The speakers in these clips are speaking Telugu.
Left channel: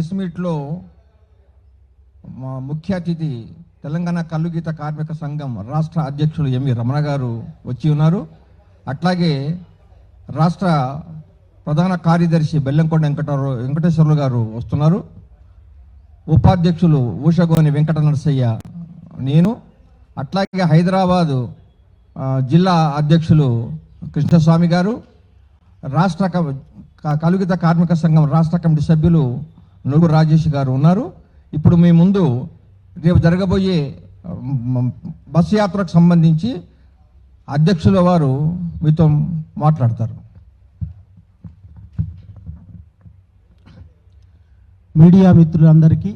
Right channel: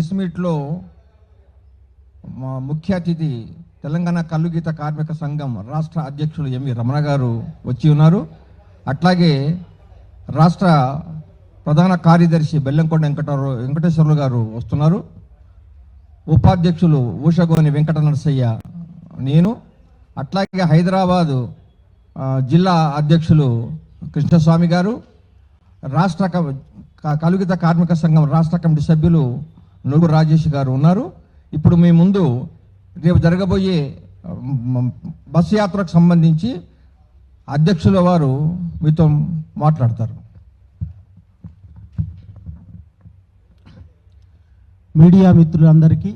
ప్రెస్ మీట్లో మా ముఖ్య అతిథి తెలంగాణ కల్లుగీత కార్మిక సంఘం రాష్ట్ర అధ్యక్షులు ఎంవి రమణ గారు వచ్చి ఉన్నారు. అట్లాగే రాష్ట్ర ప్రధాన కార్యదర్శి బెల్లంకొండ వెంకటేశ్వర్లు గారు వస్తున్నారు. ఉపాధ్యక్షులు ఊషగోని వెంకట నరసయ్య, నేను, అట్లాగే హైదరాబాదు జిల్లా అధ్యక్షులు కృష్ణస్వామి గారు, రాష్ట్ర కలుగిత కార్మిక సంఘం రాష్ట్ర కమిటీ సభ్యులు నుగు రాజేష్ గారు ఉన్నారు. ఇప్పుడు మీ ముందు రేపు జరగబోయే బస్సు యాత్రకు సంబంధించి అధ్యక్షుల వారు మీతో మాట్లాడతారు. మీడియా మిత్రులందరికీ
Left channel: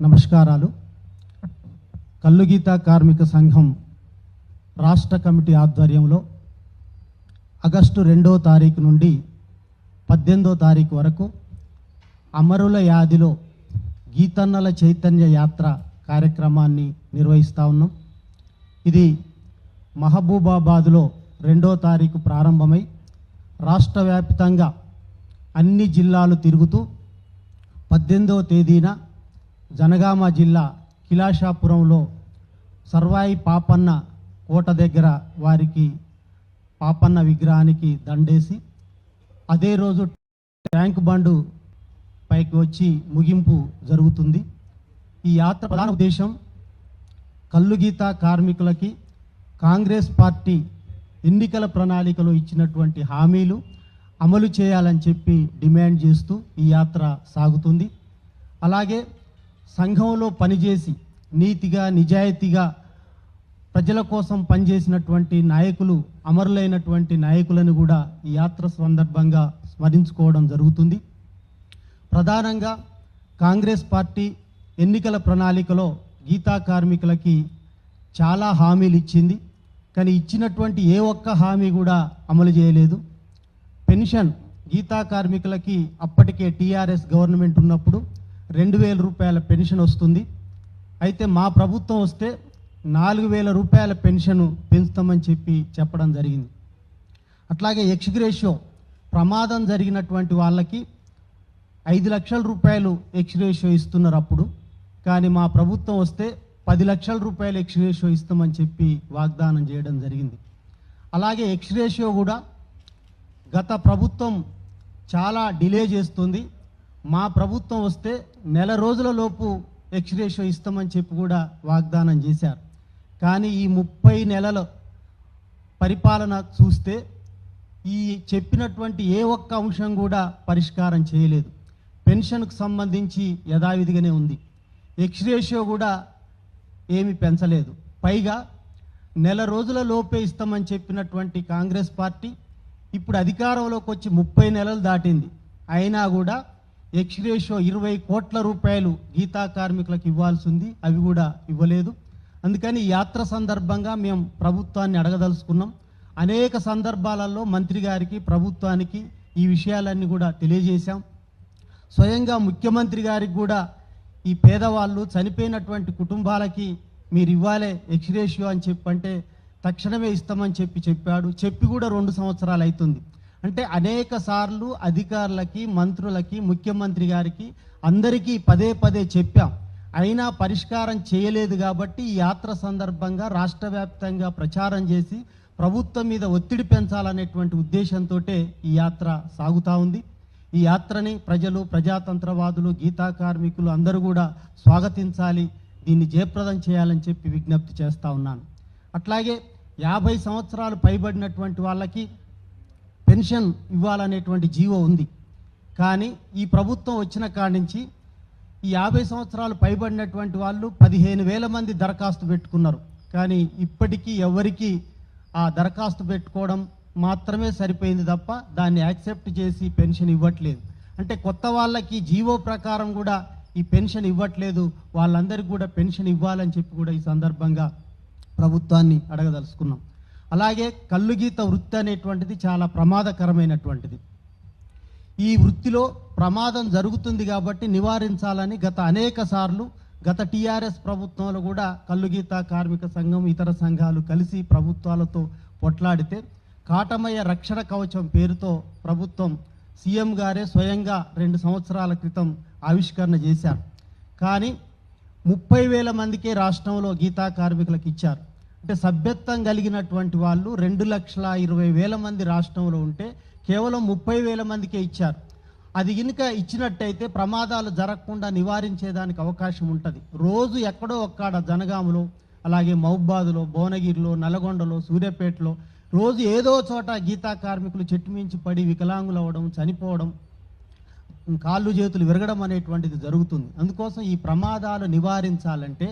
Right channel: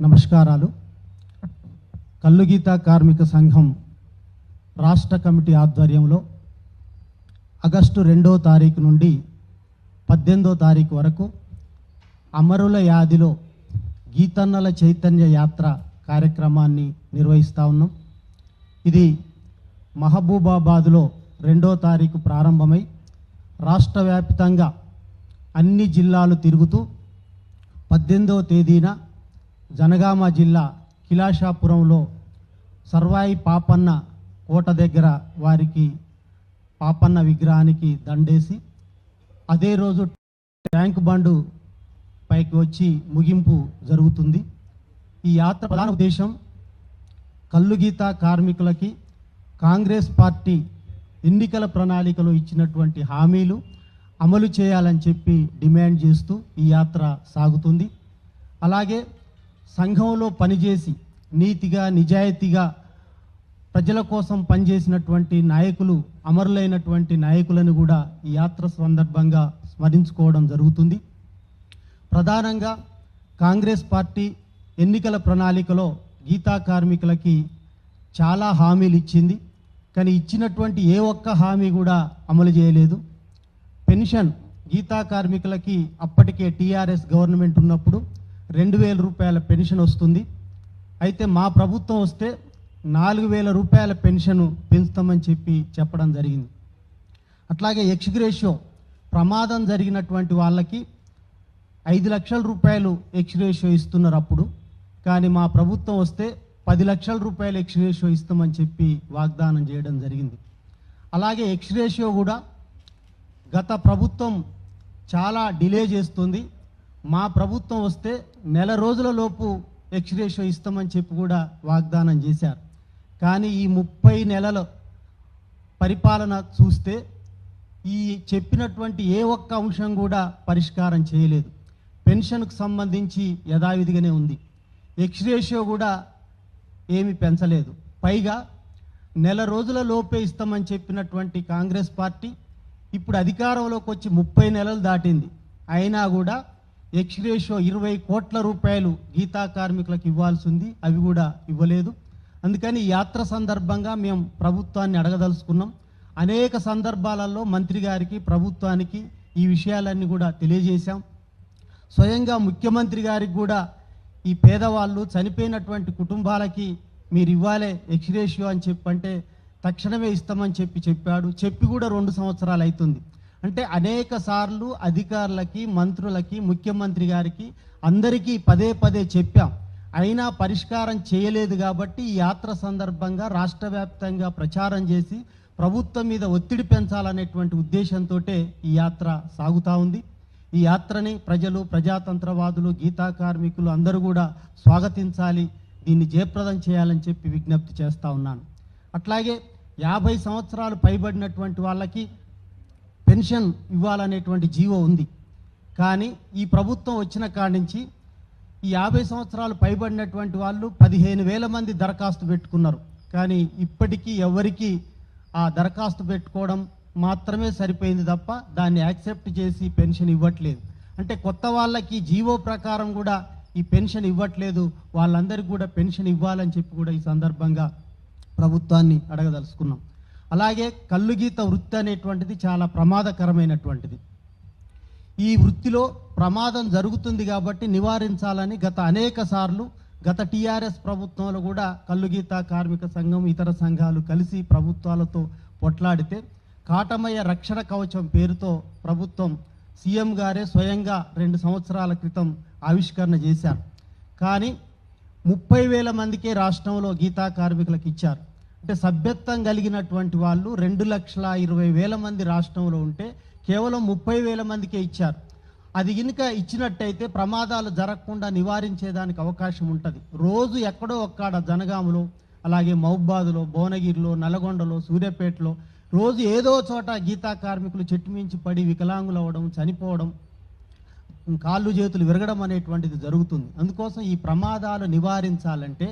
నమస్కారాలు. కల్లుగీత కార్మిక సంఘం రాష్ట్ర కమిటీ ఆధ్వర్యంలో ఆగస్టు 2వ తారీఖు నుండి 18వ తారీఖు వరకు అమరుల యాదిలో గీతన్నల చైతన్య యాత్ర కార్యక్రమాన్ని నిర్వహిస్తూ ఉన్నాం. ఇది మహబూబాబాద్లో 2వ తారీఖు ప్రారంభమై రాష్ట్ర వ్యాప్తంగా అన్ని జిల్లాలు తిరుగుతూ 18వ తేదీన జనగామ జిల్లా కిలాషాపురంలో సర్వాయి పాపన్న కోట దగ్గర వారికి పాపన్న విగ్రహానికి దండేసి అదే రోజు ట్యాంక్ బండు పైకి వచ్చి ముగింపు జరుగుతుంది. ఈ యాత్ర ప్రధాన ఉద్దేశం కల్లుగీత కార్మికులకి కాంగ్రెస్ పార్టీ ఎన్నికల ప్రణాళికలో ఇచ్చినటువంటి హామీలు అమలు చేయాలని చెప్పి డిమాండ్ చేస్తూ ఈ యాత్ర సాగుతుంది. అలాగే సంఘంలో పనిచేసి నీతిగా నిజాయితీగా ప్రజల కోసం పనిచేసినటువంటి నాయకులు, అమరులైనటువంటి నాయకులను కూడా ఈ యాత్ర సందర్భంగా స్మరించుకోవడం జరుగుతుంది. ప్రధానంగా కాంగ్రెస్ పార్టీ ఎన్నికల ప్రణాళికలో గీతా కార్మికులకి చాలా హామీలు ఇచ్చింది. కానీ ఇచ్చినటువంటి ఏ ఒక్క హామీ కూడా అమలు చేయలేదు. పెన్షన్ గీతా కార్మికులకి అప్పటికే టీఆర్ఎస్ గవర్నమెంట్ ఉన్నప్పుడు 2,000 రూపాయల పెన్షన్ వస్తుంది. అయితే మా ప్రభుత్వం వస్తే 4,000 రూపాయల పెన్షన్ పెంచుతామని చెప్పడం జరిగింది. అట్లాగే ఎక్స్గ్రేషియో ప్రమాదం జరిగినటువంటి వాళ్ళకి 5 లక్షల రూపాయలు ఎక్స్గ్రేషియో ఇస్తున్నారు అప్పుడు. కానీ మా ప్రభుత్వం వస్తే 10 లక్షల రూపాయలు ఎక్స్గ్రేషియో ఇస్తామని చెప్పి వాగ్దానం చేయడం జరిగింది. అలాగే ఎక్స్గ్రేషియో కూడా గత ప్రభుత్వం చాలా డిలే చేస్తుంది. మా ప్రభుత్వం వస్తే నెల రోజుల లోపు ఎక్స్గ్రేషియో ఇస్తామని చెప్పి కూడా వాగ్దానం చేశారు. కానీ ఈ 30 నెలల పరిపాలన చూస్తే ఈ చెప్పినటువంటి ఏ ఒక్క అంశం కూడా పరిష్కారం చేయలేదు. పెన్షన్కు సంబంధించి యథావిధిగానే ఉంది. ఎక్స్గ్రేషియో కూడా ఏమి పెంచలేదు. పైగా నెల రోజుల లోపే ఇస్తామని చెప్పినటువంటి కాంగ్రెస్ పార్టీ ఇప్పుడు అధికారంలోకి వచ్చి 30 నెలలు దాటింది. అయినా కూడా ఎక్స్గ్రేషియో 20 కోట్ల రూపాయలు గీతా కార్మికులకు ఇవ్వాల్సింది, అవి కూడా ఇవ్వలేదు. అందుకని యాత్ర సందర్భంగా మేము ప్రభుత్వాన్ని అడగదలుచుకున్నాం. అనేక సందర్భాలలో మంత్రి గారికి, ప్రభుత్వానికి ఈ విషయాలన్నీ కూడా తెలియజేశాం. స్వయంగా ముఖ్యమంత్రి గారికి కూడా ఈ పేదవాళ్ళు, చనిపోయినటువంటి కుటుంబాలకి మీరు ఇవ్వాలే ఎక్స్గ్రేషియో అని చెప్పంటే తక్షణమే ఇస్తామని చెప్పాడు. చెప్పి కూడా 2 సంవత్సరాలు అవుతుంది. అంటే అనేక సార్లు అధికారులకి, మంత్రులకి, ముఖ్యమంత్రి గారికి అందరికీ పదే పదే చెప్పాం. అయినా పరిష్కారం చేయలేదు. కాబట్టి ఈ యాత్ర సందర్భంగా రాష్ట్ర వ్యాప్తంగా ప్రచారం చేసి ప్రభుత్వం మీద ఒత్తిడి పెంచాలనేటువంటి ఉద్దేశంతో ఈ యాత్ర సాగుతూ ఉంది. ఈ యాత్రని ప్రజలు, ప్రజాతంత్రవాదులు, గీతా కార్మికులు అందరూ కూడా స్వాగతించాలి, దీన్ని జయప్రదం చేయాలని చెప్పి విజ్ఞప్తి చేస్తూ ఉన్నాను. అట్లాగే 50 సంవత్సరాలు పైబడినటువంటి వాళ్ళకి పెన్షన్ ఇవ్వాలనేటువంటి జీవో ఉంది. కానీ ఈ ప్రభుత్వం వచ్చిన కాడి నుంచి ఈ 50 సంవత్సరాలు పైబడినటువంటి వాళ్ళు 15,000 మంది దరఖాస్తు పెట్టుకున్నారు. కానీ ఇప్పటికీ ఎవరికి ఆ దరఖాస్తు పెట్టుకోవడం మాత్రమే సరిపోయింది తప్ప దాన్ని యాక్సెప్ట్ చేసి పెన్షన్ ఇవ్వట్లేదు. అంటే కొత్త వాళ్ళకి జీవో ప్రకారం కూడా ఈ పెన్షన్ ఇవ్వట్లేదు. వాళ్ళందరికీ కూడా పెన్షన్ ఇవ్వాలని చెప్పి కూడా ఈ సందర్భంగా ప్రభుత్వాన్ని అడగదలుచుకున్నాం. అలాగే కల్లుగీత వృత్తి అనేటువంటిది చాలా ప్రమాదకరమైనటువంటిది. ఈ వృత్తిలో ప్రమాదం జరుగుతుంది కాబట్టి నివారించాలని అనేక సార్లు గత టీఆర్ఎస్ ప్రభుత్వంలో కూడా కల్లుగీత కార్మిక సంఘం, ఇతర సంఘాలు కలిసి ప్రభుత్వాలతో పొట్లాడితే కాటమయ్య రక్షణ కవచం పేరుతో ప్రభుత్వం సీఎం గారే స్వయంగా 2 సంవత్సరాల క్రితం ఆవిష్కరణ చేశారు. కానీ 30,000 మందికే రాష్ట్రంలో గీతా కార్మికులకు ఇచ్చారు. అంటే సభ్యత్వం కలిగినటువంటి వాళ్ళు 2,20,000 మంది రాష్ట్రంలో ఉంటే కేవలం 30,000 మందికే ఇచ్చారు. అది కనుక ఇచ్చినట్టయితే ప్రమాదాలు జరగకుండా నివారించేదానికి అవకాశం ఉంటుంది. రోజు ఎక్కడో ఒక్కడ జనగాములో, అలాగే మహబూబాద్లో, భువనగిరిలో, నల్గొండలో, సూర్యాపేటలో రోజు ఏదో చోట గీతా కార్మికులు చెట్టు మించి పడి వికలాంగులు అవ్వడం, చనిపోవడం, కాళ్ళు చేతులు విరగడం అనేటువంటిది జరుగుతుంది. అందుకోసం ఈ ప్రమాదాలు నివారించాలంటే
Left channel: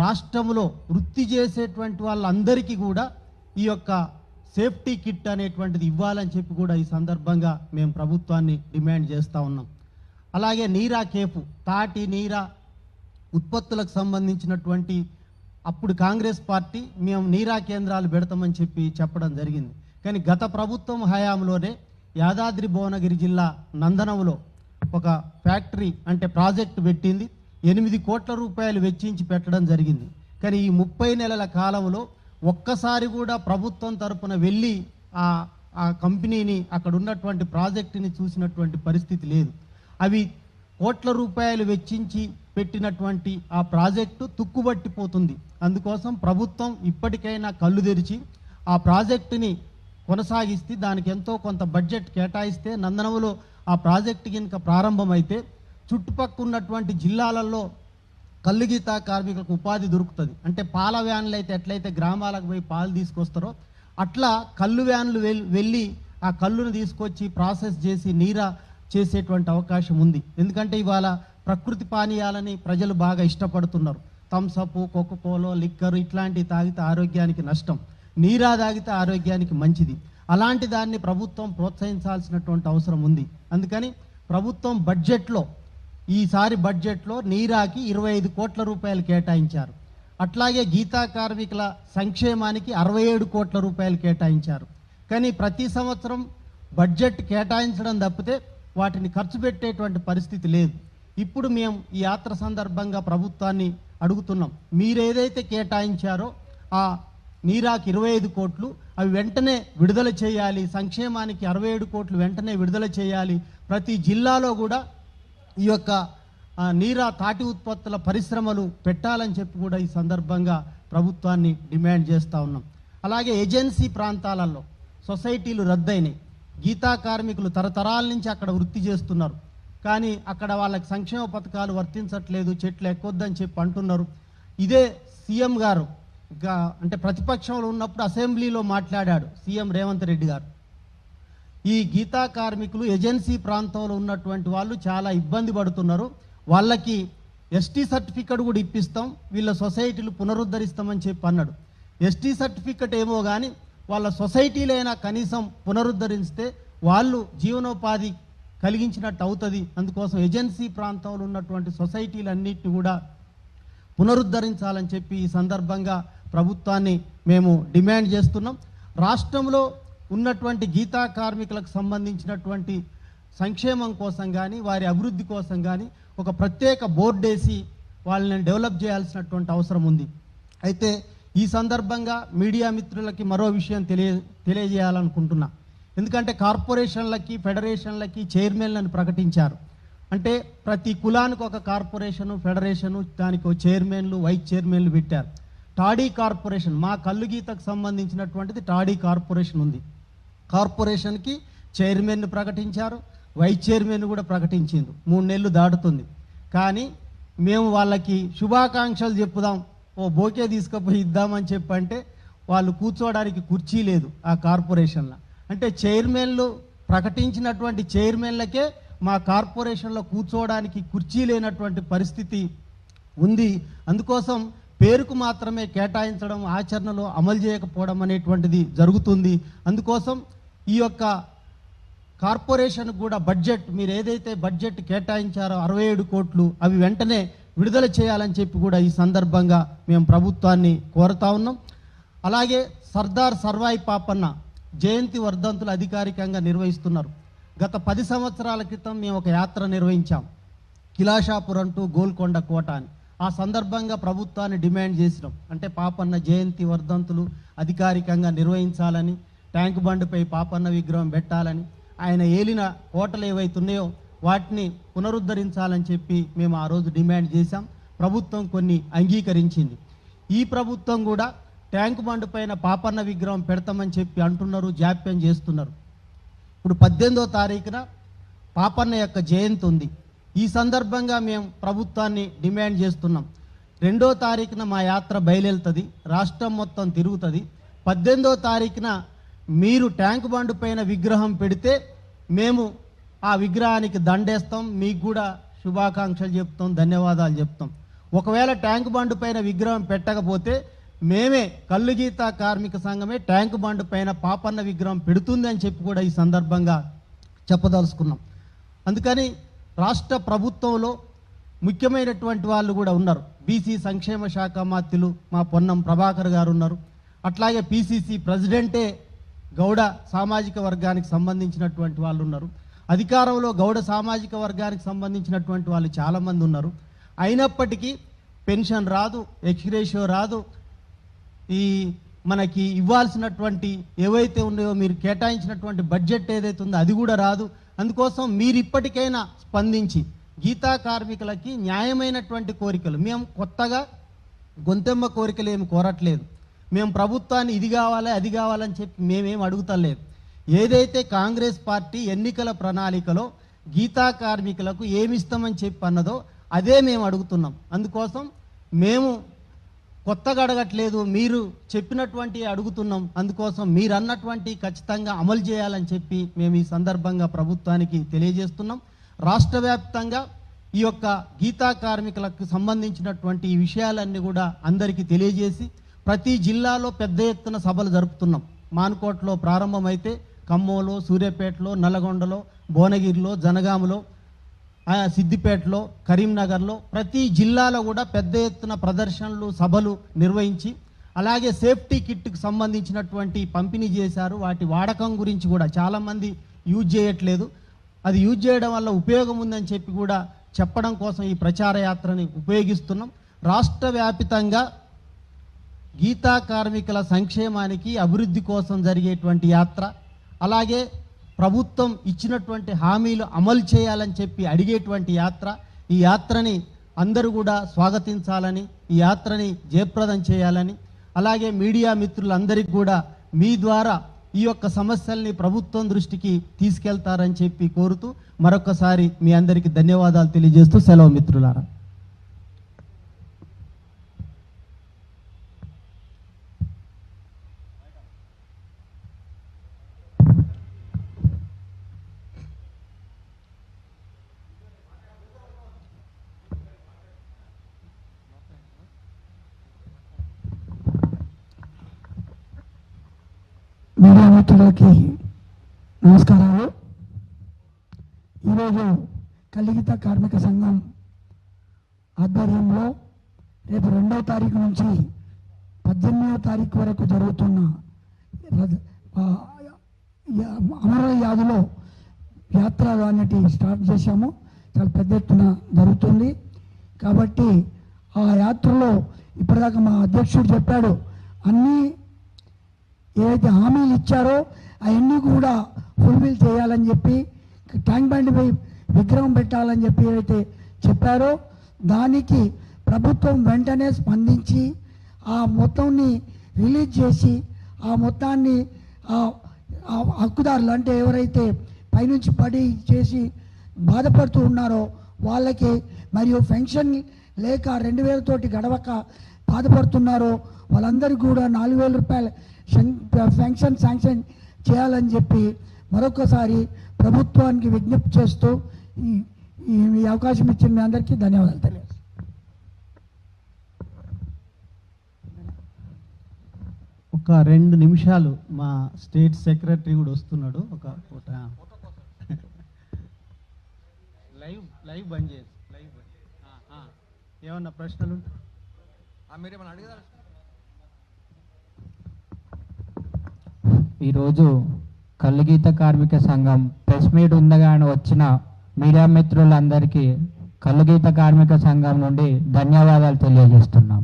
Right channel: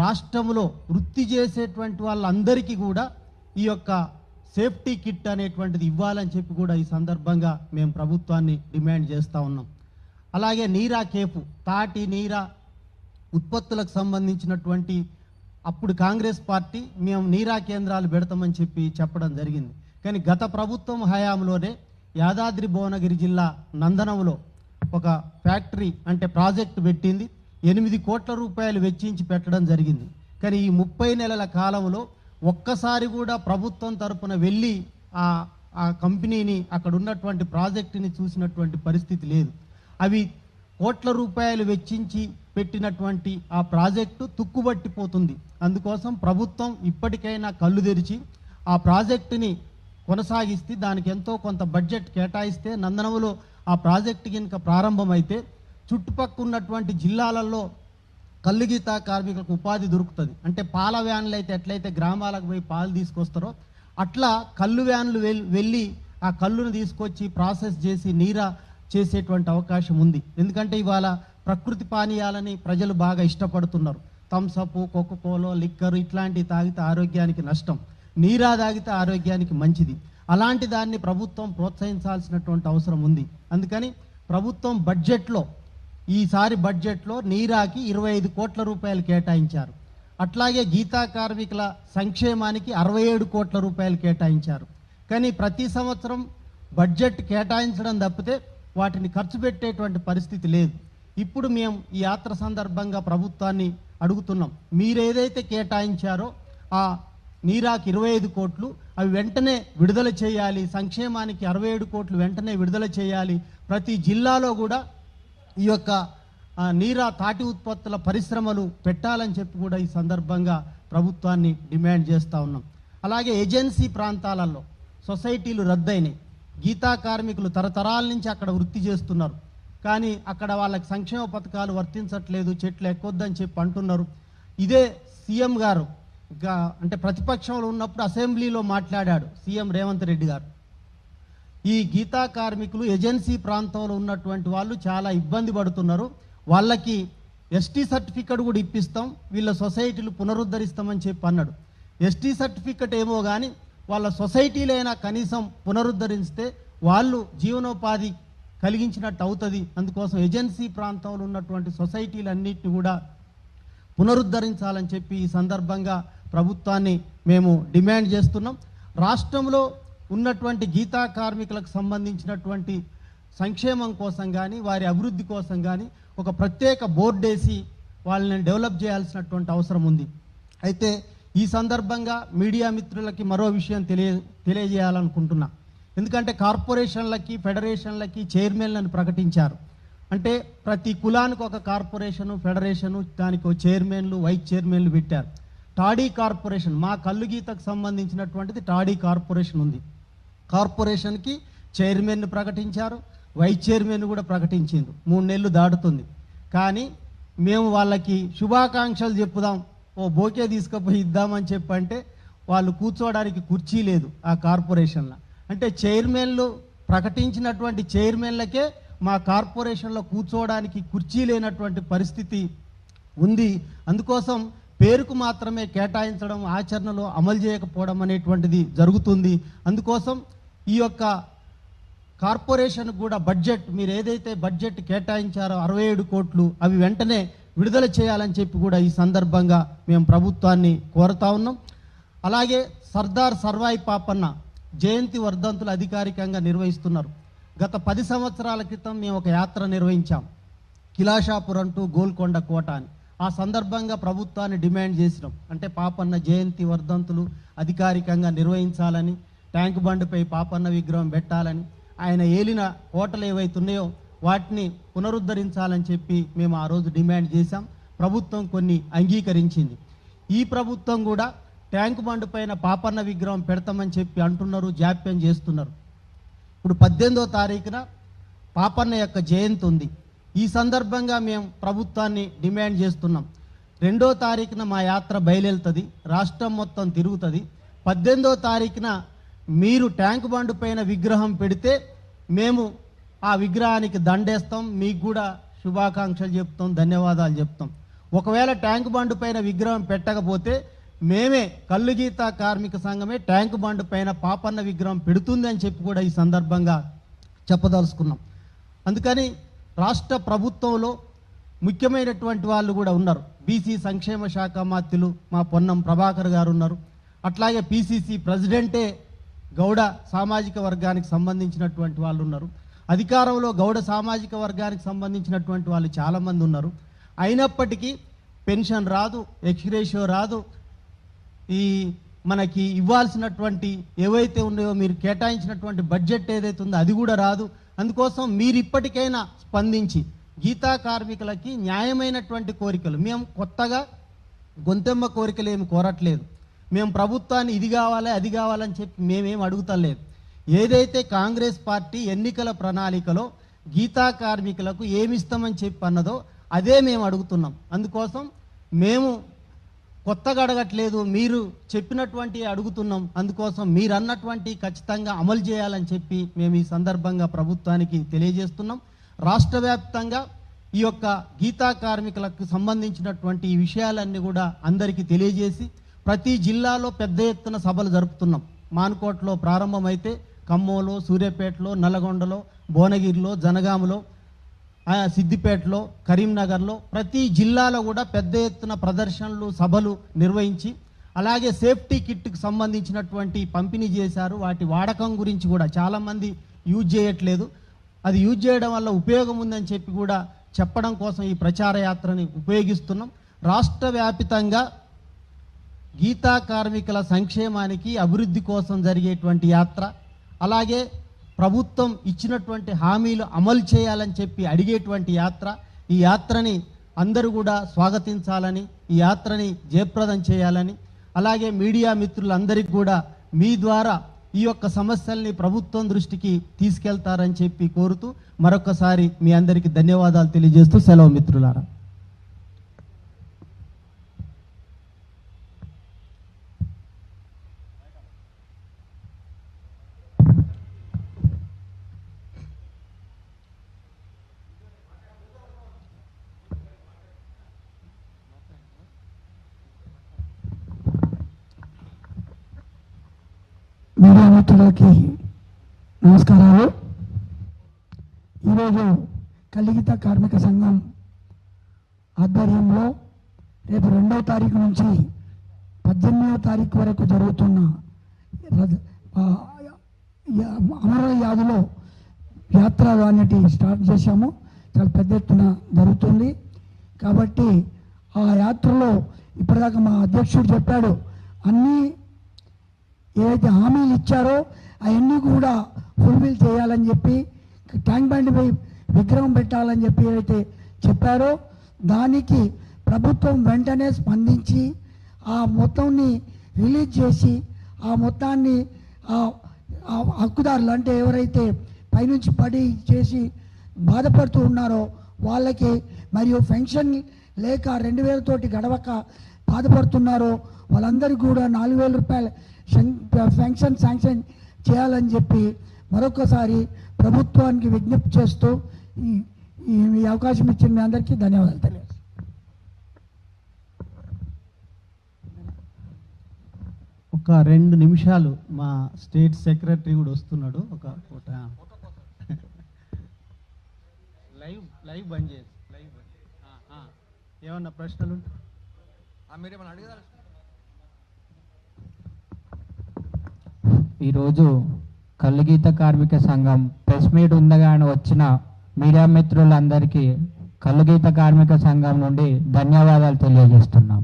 రాష్ట్రంలో వృత్తి చేసేటువంటి వాళ్ళందరికీ కూడా ఈ యొక్క సేఫ్టీ కిట్ అనేటువంటిది ఇవ్వాలని చెప్పి కూడా ఈ సందర్భంగా మేము ప్రభుత్వాన్ని డిమాండ్ చేస్తూ ఉన్నాం. అలాగే నీరా కేపు, తాటి నీరా ఉత్పత్తులకు సంబంధించినటువంటి అప్పుడు కాంగ్రెస్ పార్టీ మేము నీరా కేంద్రాలు పెడతామని చెప్పి చెప్పడం జరిగింది. కానీ గత ప్రభుత్వం హయాంలోనే యాదాద్రి భువనగిరి జిల్లా నందనంలో ఒక ఫ్యాక్టరీ అంటే ప్రాజెక్టు పెట్టింది. 8 కోట్ల రూపాయలు వెచ్చించి పెట్టడం జరిగింది. కానీ ఈ 30 నెలల కాలంలో ఒక్కసారి కూడా ప్రభుత్వం తరపున వెళ్ళి ఆ కంపెనీని, అక్కడ ఉన్నటువంటి ప్రాజెక్టుని చూసినటువంటి పరిస్థితి లేదు. అవి కోట్ల రూపాయలు వెచ్చించి పెట్టినటువంటి ఆ ప్రాజెక్టు తుక్కుబట్టిపోతుంది. అందుకోసం ప్రభుత్వం ఇప్పటికైనా కళ్ళు తెరిచి ఆ ప్రాజెక్టుని కొనసాగిస్తే, దానికి ఎంతో కొంత బడ్జెట్ కేటాయిస్తే, నందనంలో ఆ ప్రాజెక్టు కనుక ప్రారంభమైతే చుట్టుపక్కల ఉన్నటువంటి జిల్లాలలో కల్లు గీతా కార్మికులకు ఉపాధి దొరుకుతుంది. అంటే పాల వ్యాన్లు అయితే ఎట్లయితే గ్రామాలకు పోయి పాలు తీసుకొస్తారో అట్లా కల్లు వ్యాన్లు వెళ్ళి ఆ కల్లును తీసుకొచ్చి ప్రాసెస్ చేసి నీరా చేసేటువంటి అవకాశం ఉంది. ఎందుకంటే ఇవాళ ప్రకృతి పానీయాలని ప్రజలు బాగా ఇష్టపడుతున్నారు. థమ్సప్, కోకోకోలో, లిక్కర్ ఇట్లాంటివి తాగితే ఆరోగ్యానికి నష్టం, నీరా తాగితే ఆరోగ్యానికి మంచిది. అలాంటి దాన్ని ప్రభుత్వం ప్రోత్సహించాల్సినటువంటి అవసరం ఉంది. అందుకని ప్రభుత్వం బడ్జెట్లో, ఈసారి బడ్జెట్లో నీరాకి 25 కోట్ల రూపాయలు కేటాయించారు. అట్లాగే గీతా కార్మికుల సంక్షేమానికి 67 కోట్ల రూపాయలు కేటాయించారు. కానీ ప్రతి సంవత్సరం బడ్జెట్ కేటాయించడం తప్పితే వాటిని ఖర్చు పెట్టేటువంటి పరిస్థితి లేదు. ఇప్పుడు మేము ఈ యాత్ర సందర్భంగా ప్రభుత్వాన్ని అడుగుతున్నాం, మీరేదైతే కేటాయించారో ఆ నీరాకి 25 కోట్లు అవి వెంటనే విడుదల చేయాలి. సంక్షేమానికి 67 కోట్లు వెంటనే విడుదల చేయాలి. ప్రతి జిల్లాలో కూడా ఈ యొక్క నీరా తాటి ఉత్పత్తుల పరిశ్రమలు పెట్టాలని చెప్పి కూడా ఈ సందర్భంగా ప్రభుత్వాన్ని డిమాండ్ చేస్తూ ఉన్నాం. అలాగే ఏజెన్సీ ప్రాంతాలలో సొసైటీలు రద్దయినాయి. గీతా కార్మికులు తరతరాల నుంచి అక్కడ వృత్తి చేస్తున్నారు. కానీ అక్కడ వాళ్ళకి సంక్షేమ పథకాలు వర్తించట్లేదు, చెట్లు ఎక్కొద్దని చెప్పి అంటున్నారు. ఇదే సీఎం గారు అంటే ప్రతిపక్షంలో ఉన్నప్పుడు అసెంబ్లీలో మాట్లాడాడు సీఎం రేవంత్ రెడ్డి గారు. ఈ గీతా కార్మికులు ఏజెన్సీ ప్రాంతంలో ఉన్నటువంటి వాళ్ళు చాలా ఇబ్బంది పడుతున్నారు, వాళ్ళకి ఎస్టీ సర్టిఫికెట్ కూడా ఇప్పిస్తాం, వీళ్ళ సొసైటీలు పునరుద్ధరిస్తామని చెప్పి అన్నాడు. ఎస్టీ సర్టిఫికెట్ ఏమో కానీ వాళ్ళ సొసైటీలైనా కనీసం పునరుద్ధరిస్తే వాళ్ళు జీవనోపాధి కలిగించినట్టు అవుతుంది. అందుకోసం ఏజెన్సీ ప్రాంతంలో ఉన్నటువంటి సొసైటీలన్నింటినీ కూడా పునరుద్ధరించాలని చెప్పి ఈ సందర్భంగా ప్రభుత్వాన్ని మేము డిమాండ్ చేస్తున్నాం. రాష్ట్రంలో ఉన్నటువంటి గీతా కార్మికులకు సంబంధించినటువంటి సంక్షేమం కోసం కానీ వారి అభివృద్ధి కోసం కానీ ఒక ప్రత్యేక బోర్డు వేసి వాళ్ళని డెవలప్ చేయాల్సినటువంటి అవసరం ఉంది. అయితే ఈ సందర్భంగా మీడియా మిత్రులకి మరో విషయం తెలియజేయాలనుకుంటున్నా. ఎందుకంటే కార్పొరేషన్లకి, ఫెడరేషన్లకి చైర్మన్లను ప్రకటించారు. అంటే ప్రతి కులానికి ఒక కార్పొరేషను, ఫెడరేషను, దానికి చైర్మన్లు, వైస్ చైర్మన్లు పెట్టారు. టాడీ కార్పొరేషన్, మా కల్లు గీతకు సంబంధించినటువంటిది టాడీ కార్పొరేషన్ ఉంది. కార్పొరేషన్కి చైర్మన్ ప్రకటించారు, వైస్ చైర్మన్ కూడా ప్రకటించారు. 3 నెలలు దాటుతుంది. కానీ మేము వాళ్ళకి శుభాకాంక్షలు చెప్పుదాం, ఓ బోకే తీసుకుపోయి ఇద్దామని చెప్పంటే వాళ్ళు కూర్చోవడానికి కుర్చీ లేదు ఆ కార్పొరేషన్లో. అంటే చైర్మన్లు ప్రకటించినటువంటి చైర్మన్లకే మా కార్పొరేషన్లో కూర్చోవడానికి కుర్చీ లేనటువంటి పరిస్థితి ఉంది. అందుకోసం పేరుకు మాత్రమే కేటాయించడం, ఆచరణలో అమలు చేయకపోవడం అనేటువంటిది జరుగుతుంది. అందుకోసం ఈ యొక్క కార్పొరేషన్ కూడా బడ్జెట్, మీరు ఏదైతే బడ్జెట్ కేటాయించారో 67 కోట్లు అవి వెంటనే విడుదల చేయాలని చెప్పి కూడా ఈ సందర్భంగా మేము ప్రభుత్వాన్ని కోరుతా ఉన్నాం. అలాగే సర్దార్ సర్వాయి పాపన్న జయంతి వర్ధంతులు అధికారికంగా నిర్వహిస్తున్నారు. గత 10 సంవత్సరాల క్రితం మేము ఒక యాత్ర నిర్వహించాం, కిలాషాపురం టు గోల్కొండ కోట అని. ఆ సందర్భంగా ప్రభుత్వాన్ని డిమాండ్ చేసినాం, అంటే పాపన్న జయంతి వర్ధంతులు అధికారికంగా నిర్వహించాలని, ట్యాంక్ బండ్పై పాపన్న విగ్రహం పెట్టాలని, ఆయన ఏలిన కోటలు ఏవైతున్నాయో వాటిని పునరుద్ధరించాలని చెప్పి మేము ఆ రోజు డిమాండ్ చేశాం. ప్రభుత్వం కొన్ని అంగీకరించింది. ఈ ప్రభుత్వం కూడా ట్యాంక్ బండ్ పైన పాపన్న విగ్రహం పెడతామని చెప్పి అంటున్నారు, జాప్యం చేస్తున్నారు. ఇప్పుడు 18వ తారీఖున పాపన్న యొక్క జయంతి ఉంది. ఈ సందర్భంగా మేము ప్రభుత్వాన్ని డిమాండ్ చేస్తున్నాం. 2వ తారీఖున మా యాత్ర బయలుదేరుతుంది, రాష్ట్రం మొత్తం తిరుగుతుంది. 18వ తారీఖున మీరు ట్యాంక్ బండ్ పైన విగ్రహం పెడితే మేము ఆ విగ్రహానికి దండేస్తాం, మీకు కూడా శుభాకాంక్షలు చెప్తాం, ధన్యవాదాలు చెప్తాం. ఒకవేళ ట్యాంక్ బండ్ పైన విగ్రహం పెట్టకపోతే మేమే కల్లుగీత కార్మిక సంఘమే ట్యాంక్ బండ్ పైన పాపన్న విగ్రహం పెడుతుంది అని చెప్పి కూడా ఈ సందర్భంగా చెప్పదలుచుకున్నాం. అందుకని రాష్ట్ర ప్రభుత్వంలో ముఖ్యమైనటువంటి వాళ్ళు కూడా ఉన్నారు. బీసీ సంక్షేమ శాఖ మంత్రులు మా పొన్నం ప్రభాకర్ గారు ఉన్నారు. అట్లాగే పిసిసి ప్రెసిడెంటే గౌడ సామాజిక వర్గానికి సంబంధించినటువంటి వాళ్ళు ఉన్నారు. అధికారంలో గౌడ సామాజిక వర్గానికి సంబంధించినటువంటి వాళ్ళు చాలామంది ఉన్నారు. అయినప్పటికీ పెన్షన్ రాదు, ఎక్స్గ్రేషియో రాదు, ఈ మనకి ఇవ్వాల్సినటువంటి ఏవైతే ఉన్నాయో మీరు కేటాయించినటువంటి బడ్జెట్ ఏదైతే ఉందో అది కూడా రాదు. అందుకోసం మీరు ఇప్పటికైనా స్పందించి గీతా కార్మికులకి న్యాయమైనటువంటి కోరికలు, మేము కొత్తగా గొంతెమ్మ కోరికలు ఏమి కోరట్లేదు, మేము ప్రభుత్వాన్ని ఇది కావాలి అది కావాలని చెప్పి మేమేం అడుగుతలేదు. ఏదైతే కాంగ్రెస్ పార్టీ ఎన్నికల ప్రణాళికలో గీతా కార్మికులకు ఏమిస్తామని చెప్పి అన్నదో అదే మేము అడుగుతున్నాం. అందుకోసం మేము కొత్తగా అడగట్లేదు, మీరు చెప్పినటువంటి అడుగుతున్నాం. అందుకోసం మీరు అన్నటువంటి ఖచ్చితంగా అమలు చేయాలని చెప్పి మేము ఈ సందర్భంగా ప్రభుత్వానికి తెలియజేస్తున్నాం. రాష్ట్ర వ్యాప్తంగా ఈ యొక్క గీతా కార్మికులకు సంబంధించినటువంటి ఈ విషయాలన్నీ కూడా అందరికీ తెలియజేసి ప్రతి జిల్లాలో పెద్ద ఎత్తున సభలు జరుపుతున్నాం. మానుకోటలో ప్రారంభమైతే ఖమ్మంలో, సూర్యాపేటలో, నల్గొండలో, భువనగిరిలో, జనగామలో, సిద్దిపేటలో, కరీంనగర్లో ప్రతి జిల్లాలో కూడా పెద్ద ఎత్తున ప్రదర్శనలు, సభలు నిర్వహించి అలాగే సేఫ్టీ కిట్కి సంబంధించినటువంటి పంపిణీ చేశారు. వాటి వాడకం గురించి కూడా చాలామంది యూజ్ చేయట్లేదు, అది యూజ్ చేయడం వల్ల ఉపయోగం ఉందని చెప్పి కూడా చెప్పడం కోసం ఈ ప్రచార యాత్రని ఉపయోగిస్తున్నాం. రాష్ట్ర వ్యాపితంగా గీతా కార్మికుల సంక్షేమానికి అభివృద్ధి కోసం జరిగేటువంటి యాత్ర, అలాగే ప్రభుత్వం ఇచ్చినటువంటి హామీలు అమలు చేయాలని చెప్పి అడిగేటువంటి యాత్ర. ఈ యాత్రని అందరూ కూడా స్వాగతించాలని, ఈ యాత్రని జయప్రదం చేయాలని, అలాగే మీడియా మిత్రులందరికీ కూడా మీ ద్వారా ఈ యొక్క సమస్యల్ని ప్రభుత్వం దృష్టికి తీసుకెళ్తారని చెప్పి కోరుతూ మరొకసారి మీ అందరికీ ధన్యవాదాలు తెలియజేస్తూ సెలవు మిత్రులారా. మీడియా మిత్రులకి నమస్కారాలు. ఈరోజు కలిగిత కార్మిక సంఘం ఆధ్వర్యంలో రేపు 2వ తారీఖు నుంచి 18వ తారీఖు వరకు జరుగుతున్న అమర యాదులో యాత్ర అనేది స్టార్ట్ చేశాము. చాలా పెద్ద ఎత్తున జరుగుతుంది కాబట్టి ఆ యాత్రలో ఇప్పటిదాకా మా అధ్యక్షుడు చెప్పాడు, అన్నీ ఏదైతే హామీలు ఇచ్చారో అవన్నీ కూడా ఫుల్ఫిల్ చేయాలని చెప్పి, ట్యాంక్ బండ్ విగ్రహం పెట్టాలని చెప్పి ఏదైతే చెప్పారో దానికి ప్రభుత్వం వెంటనే స్పందించి ఆ మొత్తాన్ని రిలీజ్ చేసి ఆ మొత్తాన్ని హక్కుదారులు అంటే ఎవరైతే పైనుంచి పడి చేసి బాధపడుతూ ఉన్నారో వాళ్ళకి, మరియు పెన్షన్ లేక 2000 తోటి గడవక బాధపడుతున్నారో వాళ్ళందరికీ కూడా 4000 రూపాయల పెన్షన్ శాంక్షన్ చేయాలని చెప్పి మరొకసారి ప్రభుత్వానికి విజ్ఞప్తి చేస్తూ ఈ అవకాశం ఇచ్చిన మీ అందరికీ ధన్యవాదాలు తెలియజేస్తాను. ఒక 2 నిమిషాలు మా స్టేట్ సెక్రటరీ కూడా వస్తున్నాడు. ఒక లైవ్ బంద్ చేసి ఏమన్నా ప్రశ్నలు మీరేమన్నా అడిగారు? ఈరోజు కల్లుగీత కార్మిక సంఘం ప్రెస్ మీట్ ఉందగానే వచ్చిన మీడియా మిత్రులందరికీ కల్లుగీత కార్మిక సంఘం నుండి ధన్యవాదాలు తెలియజేస్తున్నాం.